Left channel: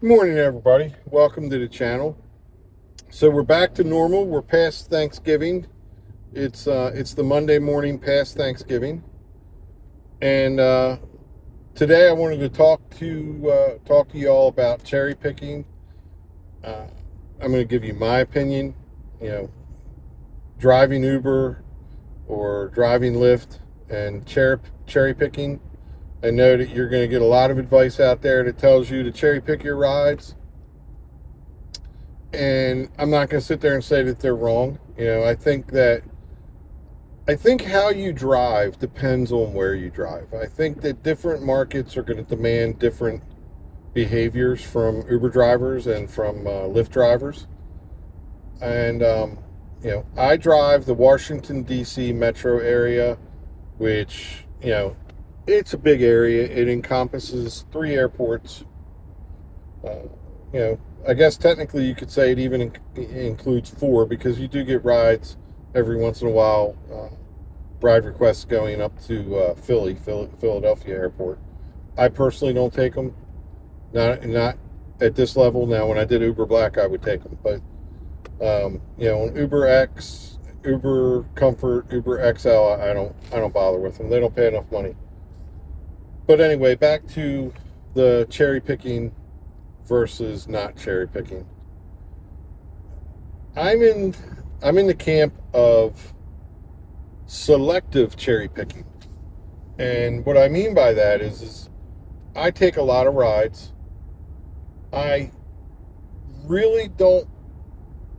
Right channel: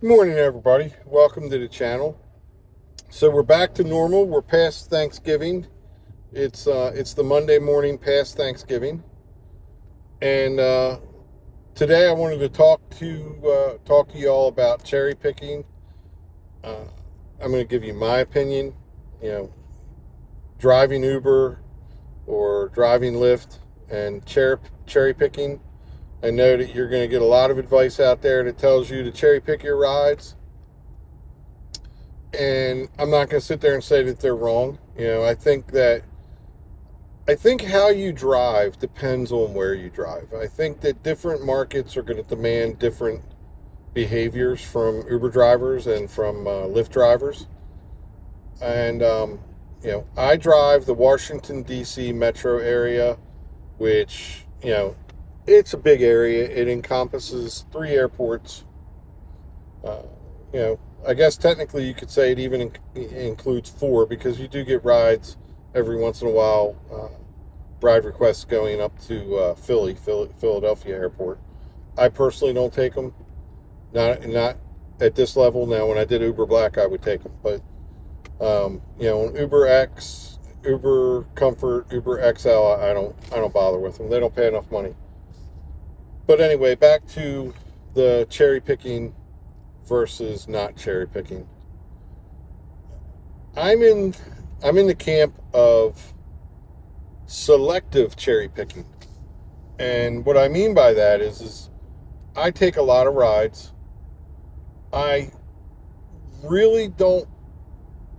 Good morning, everybody. Welcome to the channel. So we're back to normal. We're past Thanksgiving. It's the Monday morning past Thanksgiving, and today I wanted to talk to you all about cherry picking. Uh, I'm going to give you my opinion. You know, driving Uber or driving Lyft and cherry picking. I know that you're going to get a lot of advice out there that tells you to cherry pick your rides, and I'm not going to sit there and say that they're wrong. I think how you drive depends on where you drive. I think that different markets are going to demand different behaviors from Uber drivers and from Lyft drivers. And I drive the Washington D.C. metro area, which it's a big area. It encompasses 3 airports. Uh, I guess technically you could say it even includes 4, because you do get rides every once in a while, ride requests going up to Philadelphia Airport. I personally don't take them, not at this level. Now, when I did Uber Black, I would take them, but on Uber X, Uber Comfort, Uber XL, I don't bother with them. They don't pay enough money. But anyway, back to the cherry picking versus not cherry picking. I'm in the camp of selective cherry picking. And what I mean by that is I take a lot of rides. I really don't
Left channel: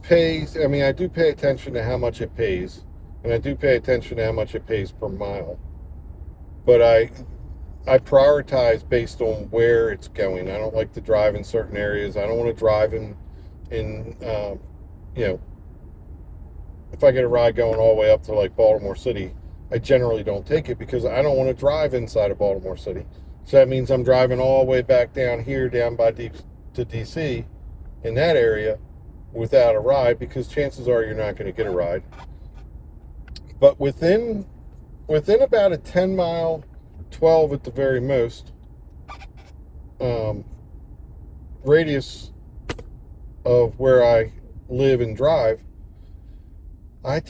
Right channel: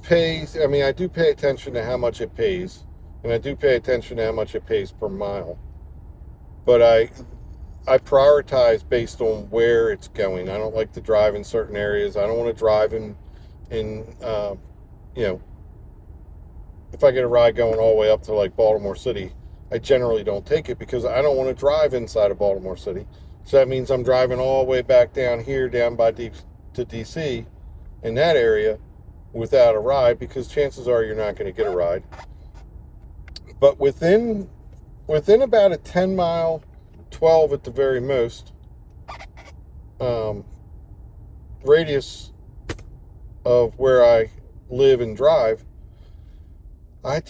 I do pay attention to how much it pays, and I do pay attention to how much it pays per mile. But I prioritize based on where it's going. I don't like to drive in certain areas. I don't want to drive in you know, if I get a ride going all the way up to like Baltimore City, I generally don't take it because I don't want to drive inside of Baltimore City. So that means I'm driving all the way back down here, down by to DC, in that area, without a ride, because chances are you're not going to get a ride. But within about a 10 mile, 12 at the very most, um, radius of where I live and drive, I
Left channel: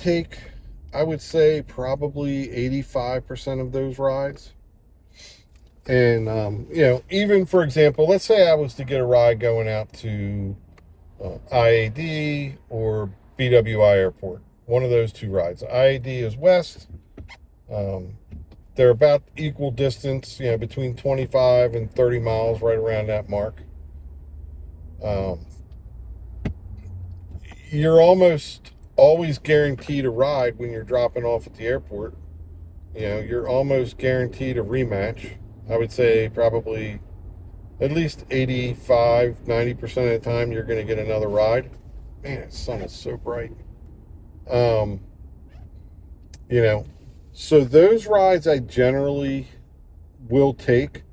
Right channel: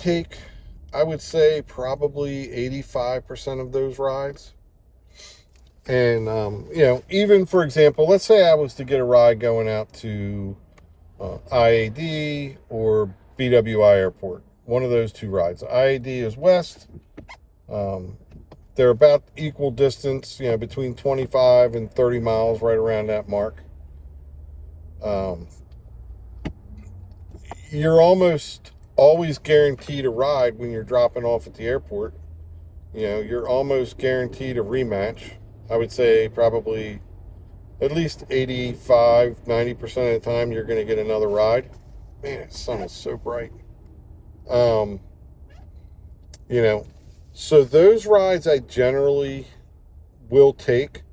would say probably 85% of those rides. And, even for example, let's say I was to get a ride going out to IAD or BWI Airport, one of those 2 rides. IAD is west. Um, they're about equal distance, between 25 and 30 miles, right around that mark. Um, you're almost always guaranteed a ride when you're dropping off at the airport. You're almost guaranteed a rematch. I would say probably at least 85, 90% of the time you're going to get another ride. Man, the sun is so bright. Um, you know, so those rides I generally will take.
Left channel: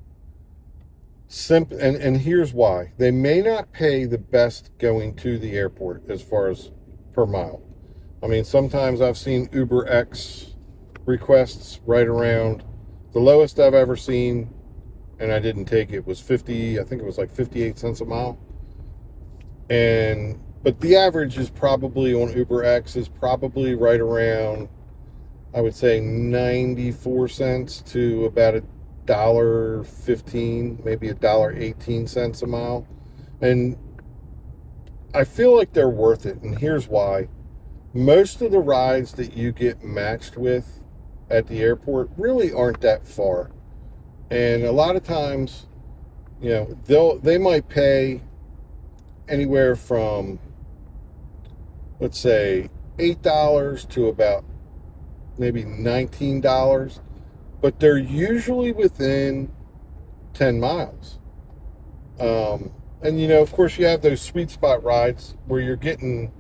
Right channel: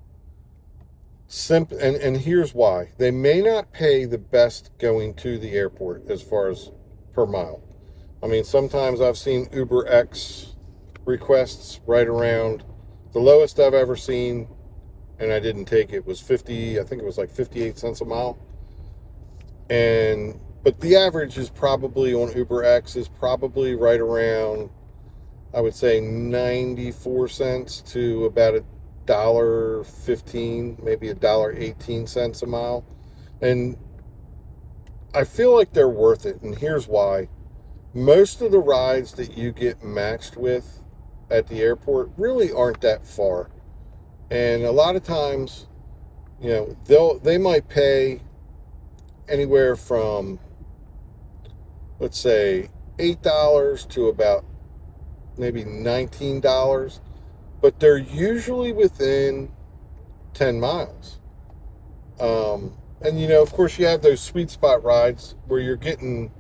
And here's why. They may not pay the best going to the airport as far as per mile. I mean, sometimes I've seen Uber X requests right around, the lowest I've ever seen, and I didn't take it, was 50, I think it was like 58 cents a mile. But the average is probably on Uber X is probably right around, I would say, 94 cents to about $1.15, maybe $1.18 a mile. And I feel like they're worth it. And here's why. Most of the rides that you get matched with at the airport really aren't that far. And a lot of times, they might pay anywhere from, let's say, $8 to about maybe $19, but they're usually within 10 miles. And of course, you have those sweet spot rides where you're getting,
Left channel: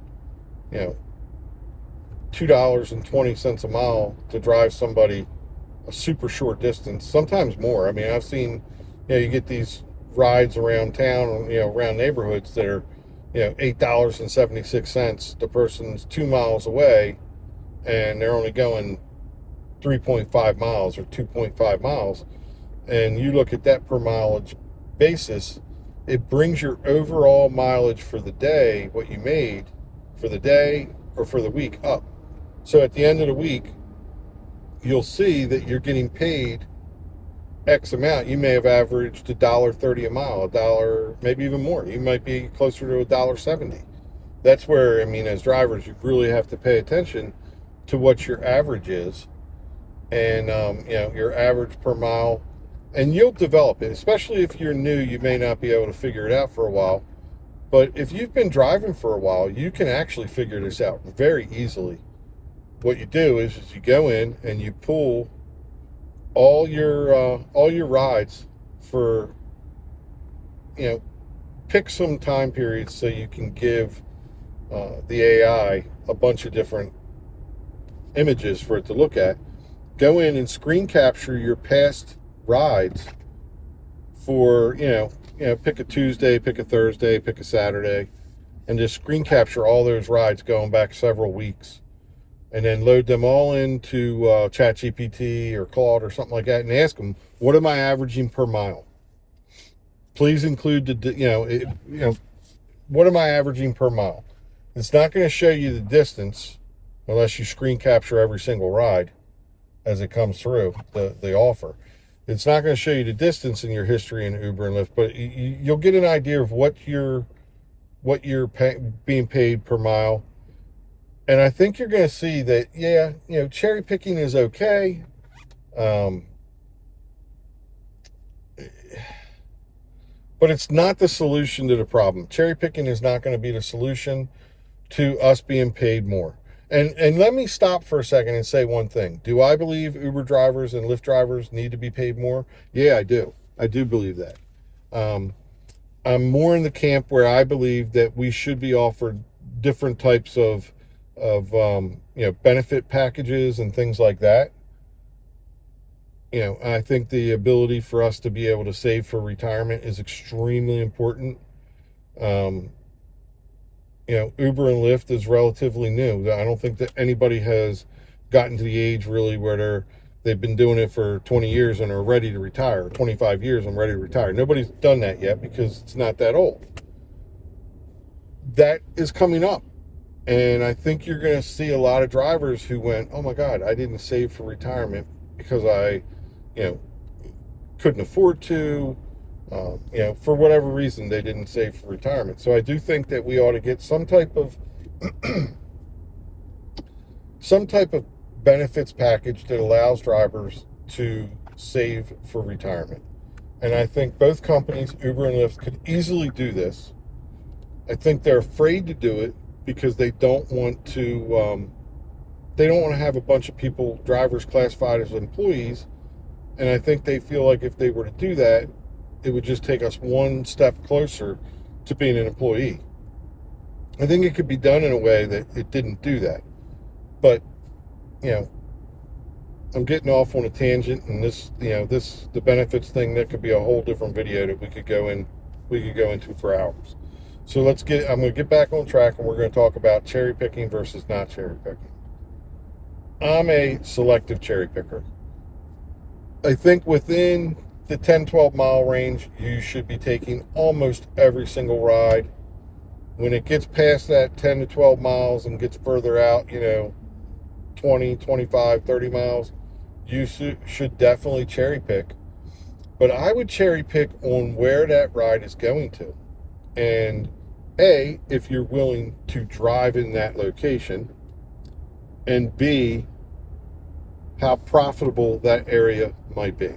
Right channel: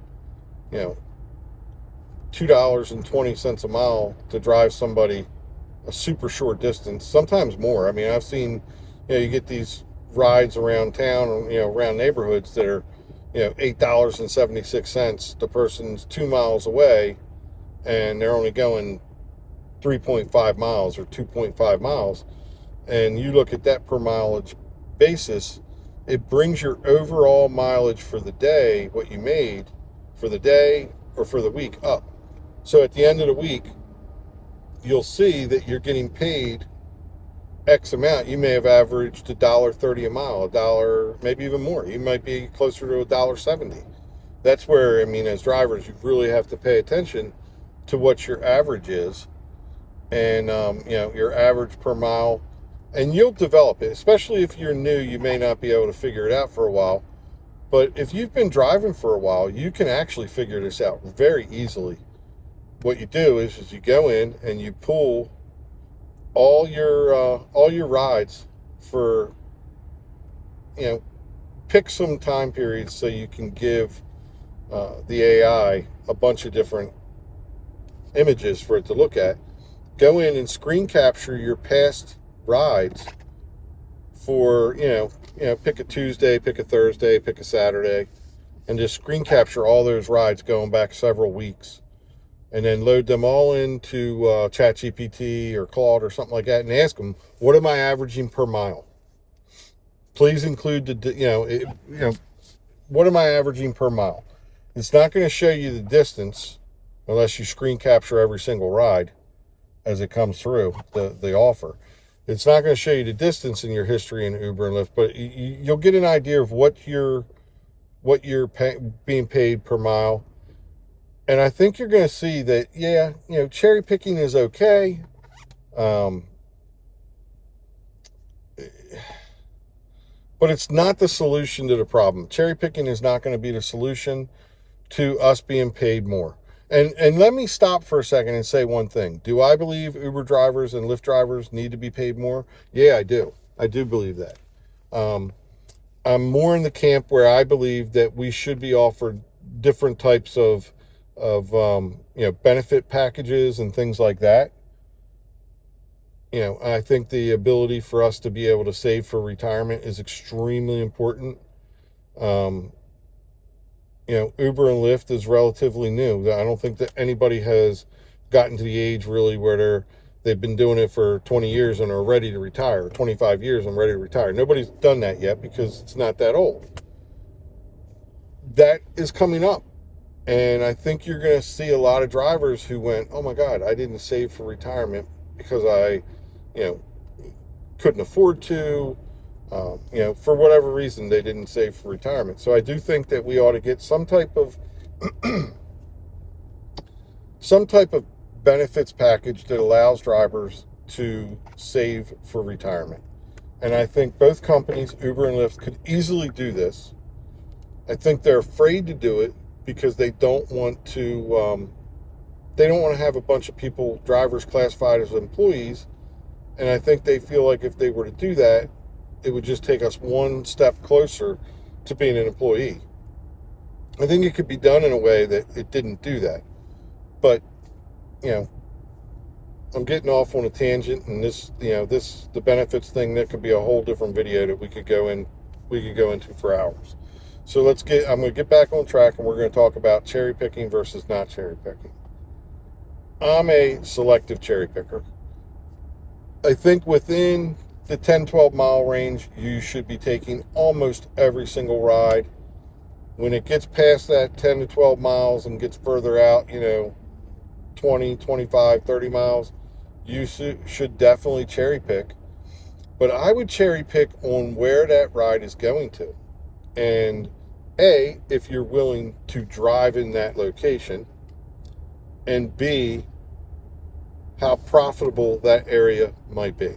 $2.20 a mile to drive somebody a super short distance, sometimes more. I mean, I've seen, you get these rides around town, around neighborhoods that are, $8.76. The person's 2 miles away and they're only going 3.5 miles or 2.5 miles. And you look at that per mileage basis, it brings your overall mileage for the day, what you made for the day or for the week, up. So at the end of the week, you'll see that you're getting paid X amount. You may have averaged $1.30 a mile, a dollar, maybe even more. You might be closer to $1.70. That's where, I mean, as drivers, you really have to pay attention to what your average is, and your average per mile, and you'll develop it. Especially if you're new, you may not be able to figure it out for a while. But if you've been driving for a while, you can actually figure this out very easily. What you do is you go in and you pull all your rides for, pick some time periods so you can give the AI a bunch of different images for it to look at. Go in and screen capture your past rides for, pick a Tuesday, pick a Thursday, pick a Saturday, and just screen capture all those rides going back several weeks. And then load them all into ChatGPT or Claude or something like that, and ask them, what am I averaging per mile? Please include what am I averaging per mile? It's not going to show you the distance unless you screen capture every single ride as it comes through the offer. It's not going to show you the distance in your history in Uber and Lyft, but you'll get an idea of what you're being paid per mile. And I think you're going to see that, cherry picking is okay. But it's not the solution to the problem. Cherry picking is not going to be the solution to us being paid more. And let me stop for a second and say one thing. Do I believe Uber drivers and Lyft drivers need to be paid more? Yeah, I do. I do believe that. I'm more in the camp where I believe that we should be offered different types of benefit packages and things like that. I think the ability for us to be able to save for retirement is extremely important. Uber and Lyft is relatively new. I don't think that anybody has gotten to the age really where they've been doing it for 20 years and are ready to retire, 25 years and ready to retire. Nobody's done that yet because it's not that old. That is coming up. And I think you're going to see a lot of drivers who went, oh my God, I didn't save for retirement because I, couldn't afford to, for whatever reason, they didn't save for retirement. So I do think that we ought to get some type of benefits package that allows drivers to save for retirement. And I think both companies, Uber and Lyft, could easily do this. I think they're afraid to do it because they don't want to have a bunch of people, drivers, classified as employees. And I think they feel like if they were to do that, it would just take us one step closer to being an employee. I think it could be done in a way that it didn't do that. But, I'm getting off on a tangent, and the benefits thing, that could be a whole different video that we could go into for hours. So I'm going to get back on track, and we're going to talk about cherry picking versus not cherry picking. I'm a selective cherry picker. I think within the 10-12 mile range, you should be taking almost every single ride. When it gets past that 10 to 12 miles and gets further out, 20, 25, 30 miles, you should definitely cherry pick. But I would cherry pick on where that ride is going to. And A, if you're willing to drive in that location, and B, how profitable that area might be.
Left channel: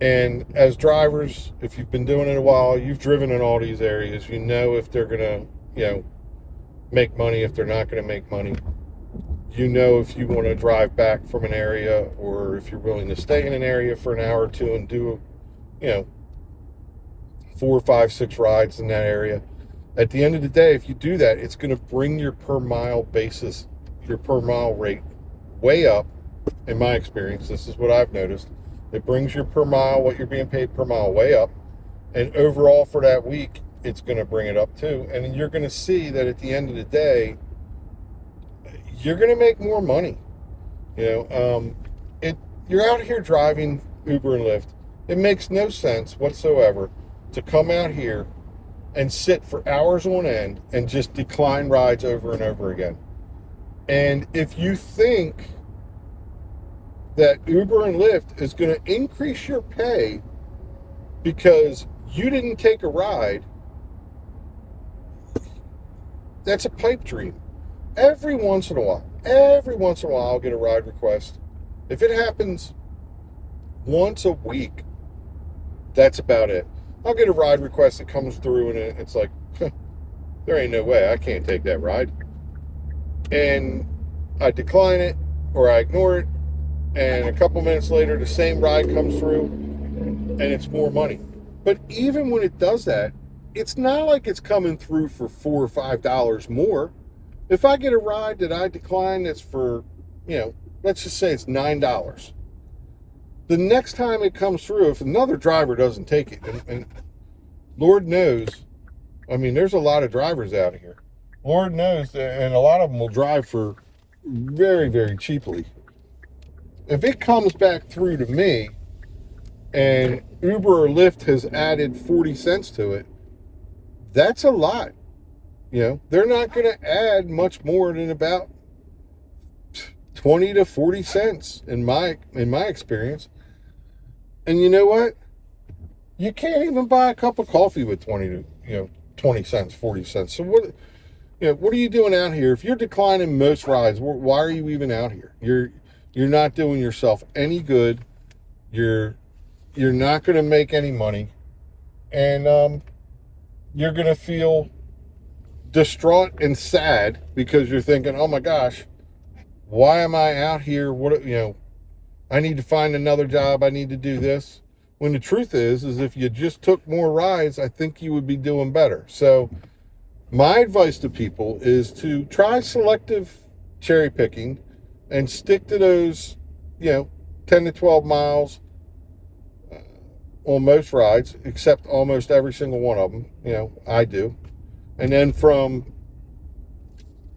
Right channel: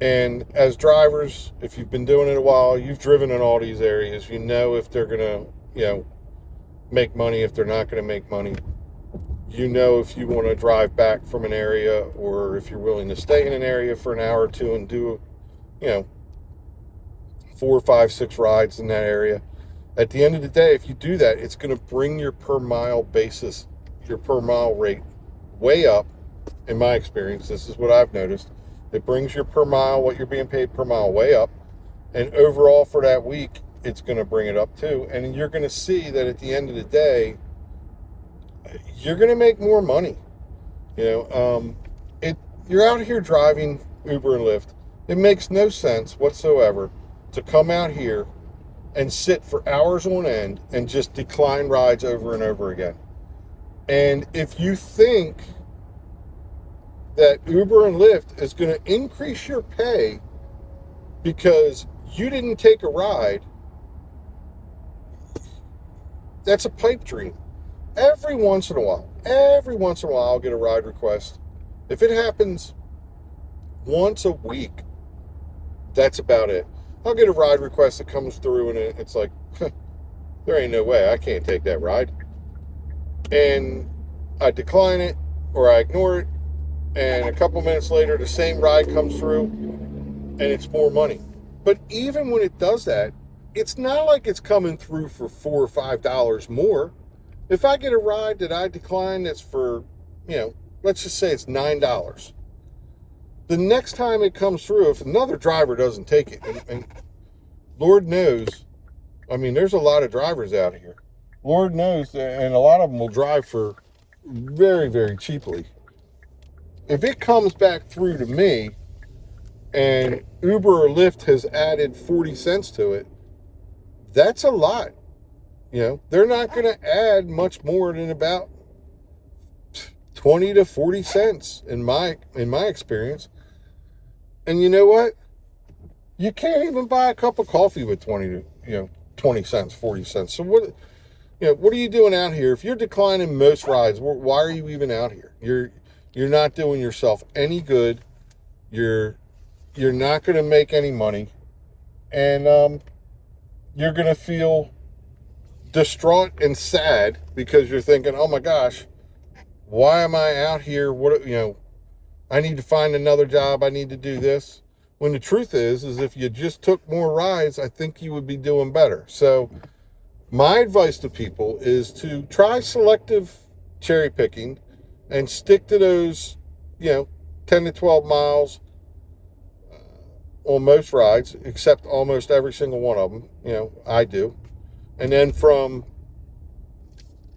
And as drivers, if you've been doing it a while, you've driven in all these areas, you know if they're going to, make money, if they're not going to make money. You know if you want to drive back from an area, or if you're willing to stay in an area for an hour or two and do, 4, 5, 6 rides in that area. At the end of the day, if you do that, it's going to bring your per mile basis, your per mile rate way up. In my experience, this is what I've noticed. It brings your per mile, what you're being paid per mile, way up. And overall for that week, it's going to bring it up too. And you're going to see that at the end of the day, you're going to make more money. You're out here driving Uber and Lyft. It makes no sense whatsoever to come out here and sit for hours on end and just decline rides over and over again. And if you think that Uber and Lyft is going to increase your pay because you didn't take a ride, that's a pipe dream. Every once in a while, I'll get a ride request. If it happens once a week, that's about it. I'll get a ride request that comes through and it's like, there ain't no way, I can't take that ride. And I decline it or I ignore it, and a couple minutes later the same ride comes through and it's more money. But even when it does that, it's not like it's coming through for $4 or $5 more. If I get a ride that I decline that's for, let's just say it's $9. The next time it comes through, if another driver doesn't take it, and Lord knows, there's a lot of drivers out here. Lord knows, and a lot of them will drive for very, very cheaply. If it comes back through to me and Uber or Lyft has added 40 cents to it, that's a lot. They're not going to add much more than about 20 to 40 cents in my experience. And you know what? You can't even buy a cup of coffee with 20 cents, 40 cents. So what are you doing out here? If you're declining most rides, why are you even out here? You're not doing yourself any good. You're not going to make any money, and you're going to feel distraught and sad because you're thinking, oh my gosh, why am I out here? I need to find another job. I need to do this. When the truth is if you just took more rides, I think you would be doing better. So my advice to people is to try selective cherry picking and stick to those, 10 to 12 miles on most rides, except almost every single one of them. I do. And then from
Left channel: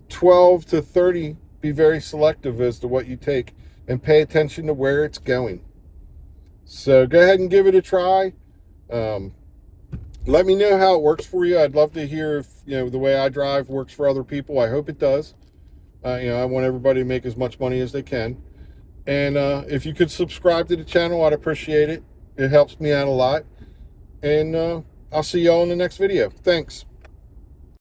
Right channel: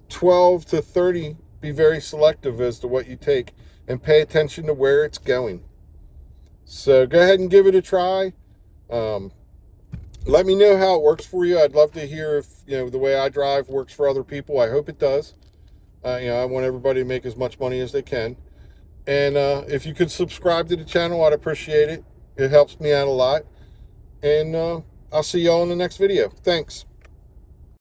12 to 30, be very selective as to what you take and pay attention to where it's going. So go ahead and give it a try. Let me know how it works for you. I'd love to hear if, the way I drive works for other people. I hope it does. I want everybody to make as much money as they can. And if you could subscribe to the channel, I'd appreciate it. It helps me out a lot. And I'll see y'all in the next video. Thanks.